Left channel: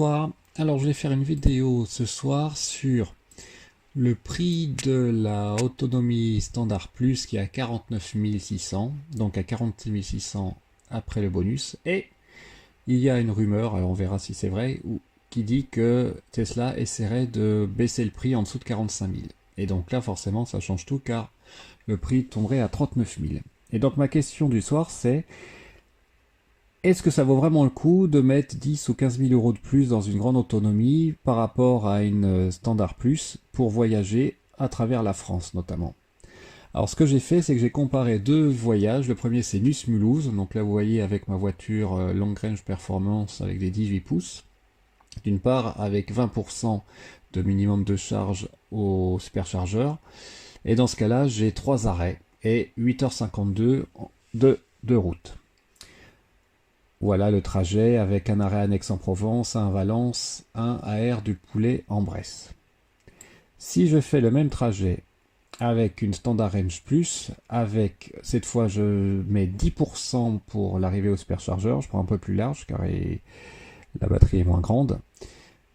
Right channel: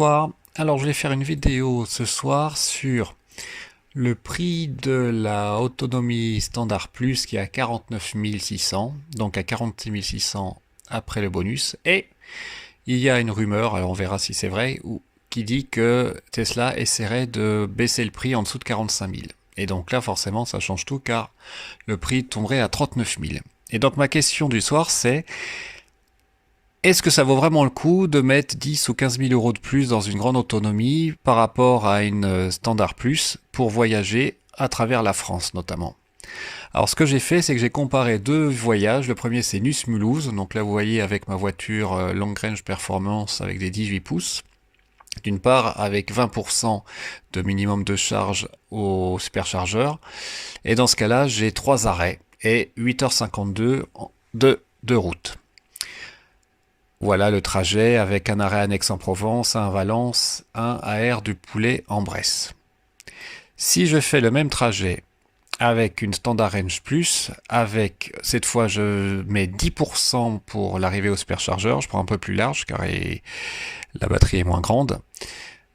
bonsoir. Alors je vais faire une vidéo ce soir sur le prix de la autonomie standard plus qui est à 49 600, donc à 46 600 après le bonus. Et il y a une rumeur, alors on verra si c'est vrai, qui dit que Tesla essaierait de baisser le prix en dessous de 45 000. Et donc là forcément ça change tout car le prix tomberait à 39 000. Et donc ma question du soir c'est: est-ce que ça vaut vraiment le coup de mettre 10 ou 15 000 euros de plus dans une grande autonomie par rapport à une Standard Plus pour voyager à travers la France notamment? Alors ce que j'ai fait, c'est que j'ai comparé deux voyages. Le premier c'est Nice-Mulhouse, donc là vous voyez avec ma voiture Long Range Performance avec des 18 pouces. D'une part avec 20% de minimum de charge au superchargeur. Et dans ce cas-là, j'ai 3 arrêts et 8h52 de route. Voilà le trajet avec un arrêt à Aix-en-Provence, un à Valence, un à Aire du Poulet en Bresse. Si je fais le même trajet avec une Standard Range Plus, avec cette fois je mets 10% pour l'arrivée au superchargeur, je prends un peu plus large car la batterie est moins grande.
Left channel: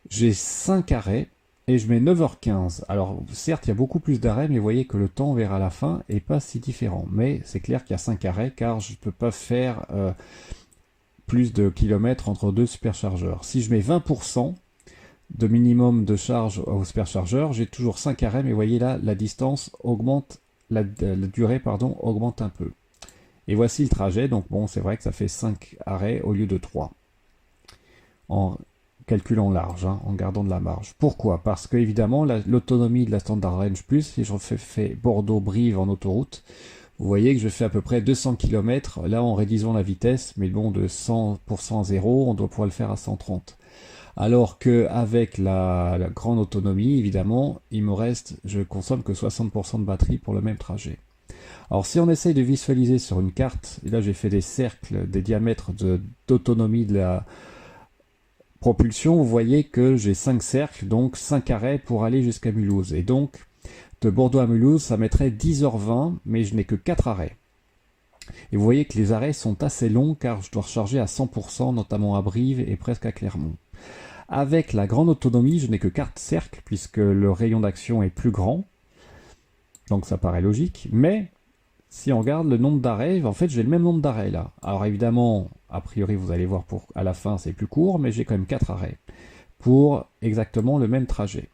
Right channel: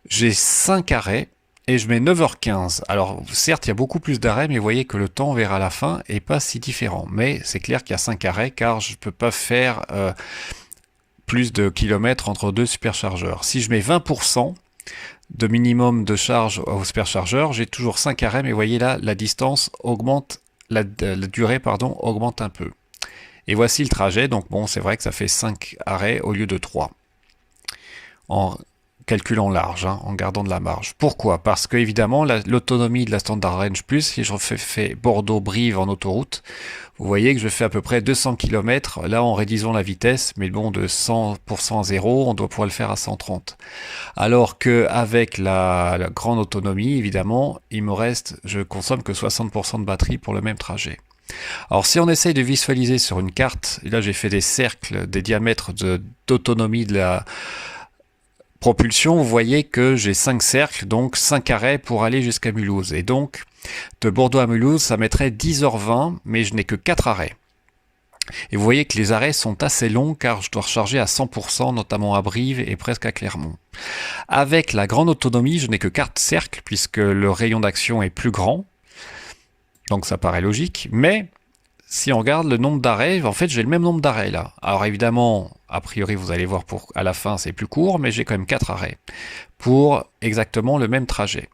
J'ai 5 arrêts et je mets 9h15. Alors certes il y a beaucoup plus d'arrêts, mais vous voyez que le temps vers à la fin est pas si différent. Mais c'est clair qu'il y a 5 arrêts car je ne peux pas faire plus de kilomètres entre deux superchargeurs. Si je mets 20% de minimum de charge au superchargeur, j'ai toujours 5 arrêts, mais vous voyez là, la distance augmente, la durée augmente un peu. Et voici le trajet, donc bon, c'est vrai que ça fait 5 arrêts au lieu de 3. En calculant large, en gardant de la marge. Pourquoi? Parce que évidemment, l'autonomie de la Standard Range Plus, si je fais Bordeaux-Brive en autoroute, vous voyez que je fais à peu près 200 km, là en réduisant la vitesse, mais bon, de 100% à 0, on doit pouvoir le faire à 130. Alors qu'avec la grande autonomie, évidemment, je consomme que 60% de batterie pour le même trajet. Alors si on essaye de visualiser sur une carte, et là j'ai fait des cercles, des diamètres d'autonomie de la propulsion, vous voyez que j'ai 5 cercles, donc 5 arrêts pour aller jusqu'à Mulhouse. Et donc, de Bordeaux à Mulhouse, ça mettrait 10h20, mais je n'ai que 4 arrêts. Et vous voyez que les arrêts sont assez longs car je dois recharger à 100%, notamment à Brive et presque à Clermont. Avec la grande autonomie, je n'ai que 4 cercles puisque le rayon d'action est plus grand. Donc ça paraît logique, mais si on regarde le nombre d'arrêts, en fait j'ai le même nombre d'arrêts là. Alors évidemment, a priori vous allez voir à la fin c'est plus court, mais j'ai quand même 4 arrêts pour exactement le même trajet.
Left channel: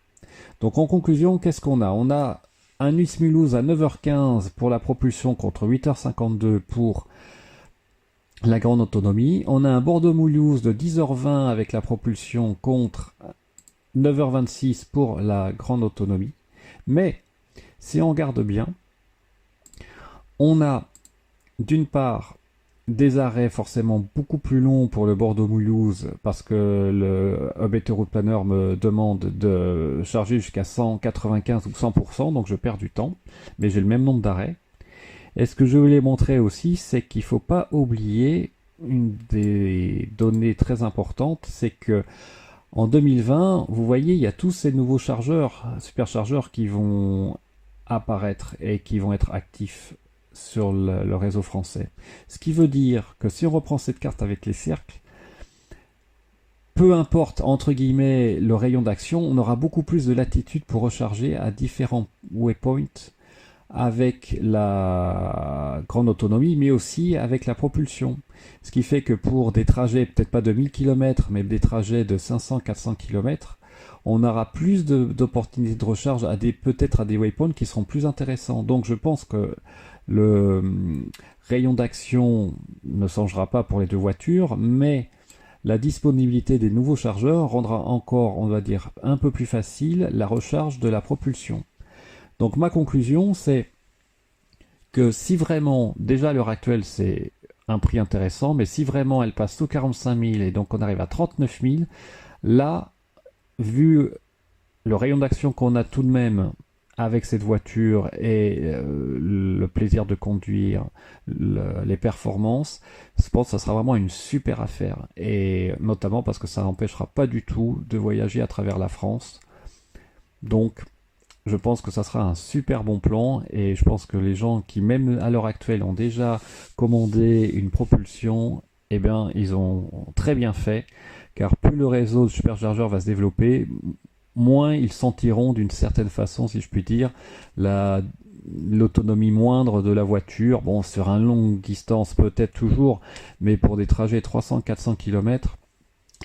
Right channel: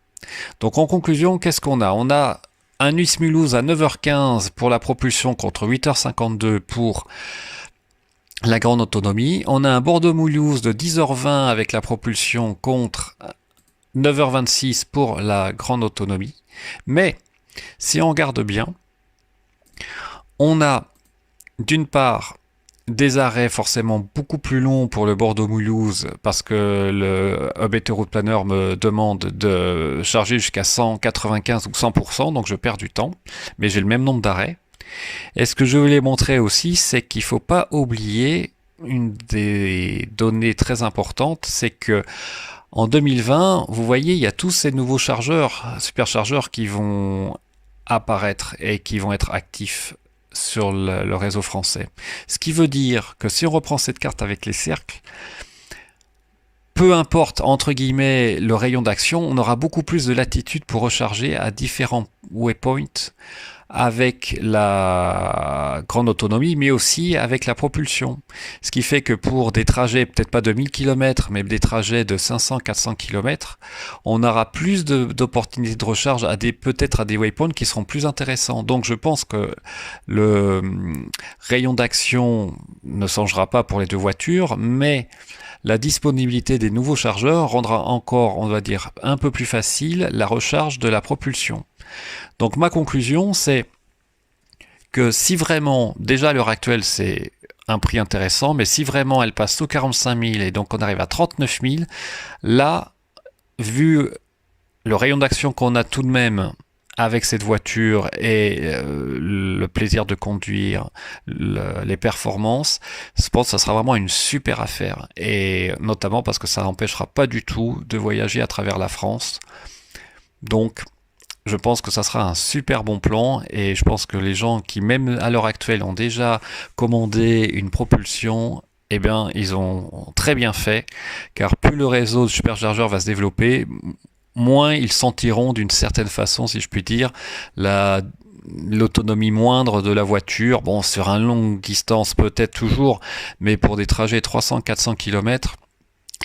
Donc en conclusion, qu'est-ce qu'on a? On a un Nice-Mulhouse à 9h15 pour la propulsion contre 8h52 pour la grande autonomie. On a un Bordeaux-Mulhouse de 10h20 avec la propulsion contre 9h26 pour la grande autonomie. Mais si on regarde bien, on a d'une part des arrêts forcément beaucoup plus longs pour le Bordeaux-Mulhouse parce que le Hub Hétéro Planner me demande de charger jusqu'à 195 ou 100%, donc je perds du temps, mais j'ai le même nombre d'arrêts. Et ce que je voulais montrer aussi, c'est qu'il ne faut pas oublier une des données très importantes, c'est que en 2020, vous voyez, il y a tous ces nouveaux superchargeurs qui vont apparaître et qui vont être actifs sur le réseau français. Ce qui veut dire que si on reprend cette carte avec les cercles, peu importe entre guillemets le rayon d'action, on aura beaucoup plus de latitude pour recharger à différents waypoints avec la grande autonomie, mais aussi avec la propulsion. Ce qui fait que pour des trajets, peut-être pas de 1000 km, mais des trajets de 500-400 km, on aura plus d'opportunités de recharge peut-être à des waypoints qui seront plus intéressants. Donc je pense que le rayon d'action ne changera pas pour les deux voitures, mais la disponibilité des nouveaux chargeurs rendra encore, on va dire, un peu plus facile la recharge de la propulsion. Donc ma conclusion, c'est que si vraiment, déjà à l'heure actuelle, c'est un prix intéressant, mais si vraiment elle passe sous 45 000 et donc on arrive à 39 000, là, vu le rayon d'action qu'on a tout de même avec cette voiture et le plaisir de conduire, les performances, je pense que ça sera vraiment une super affaire. Et notamment parce que ça n'empêchera pas du tout de voyager à travers la France. Donc, je pense que ça sera un super bon plan et je pense que les gens qui, même à l'heure actuelle, ont déjà commandé une propulsion eh bien, ils ont très bien fait, car plus le réseau de superchargeurs va se développer, moins ils sentiront d'une certaine façon, si je puis dire, l'autonomie moindre de la voiture. Bon, sur une longue distance peut-être toujours, mais pour des trajets 300-400 km,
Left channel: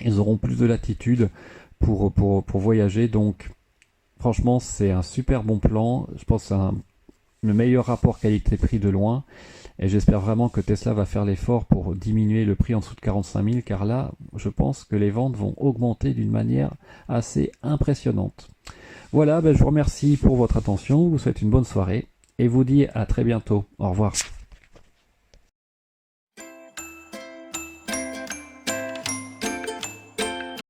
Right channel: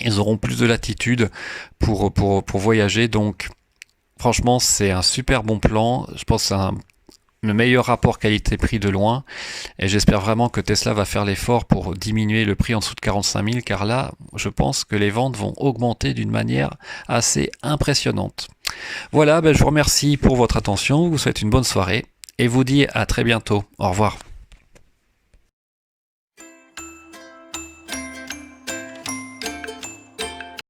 ils auront plus de latitude pour voyager. Donc, franchement, c'est un super bon plan. Je pense que c'est le meilleur rapport qualité-prix de loin. Et j'espère vraiment que Tesla va faire l'effort pour diminuer le prix en dessous de 45 000, car là, je pense que les ventes vont augmenter d'une manière assez impressionnante. Voilà, je vous remercie pour votre attention, vous souhaite une bonne soirée et vous dis à très bientôt. Au revoir.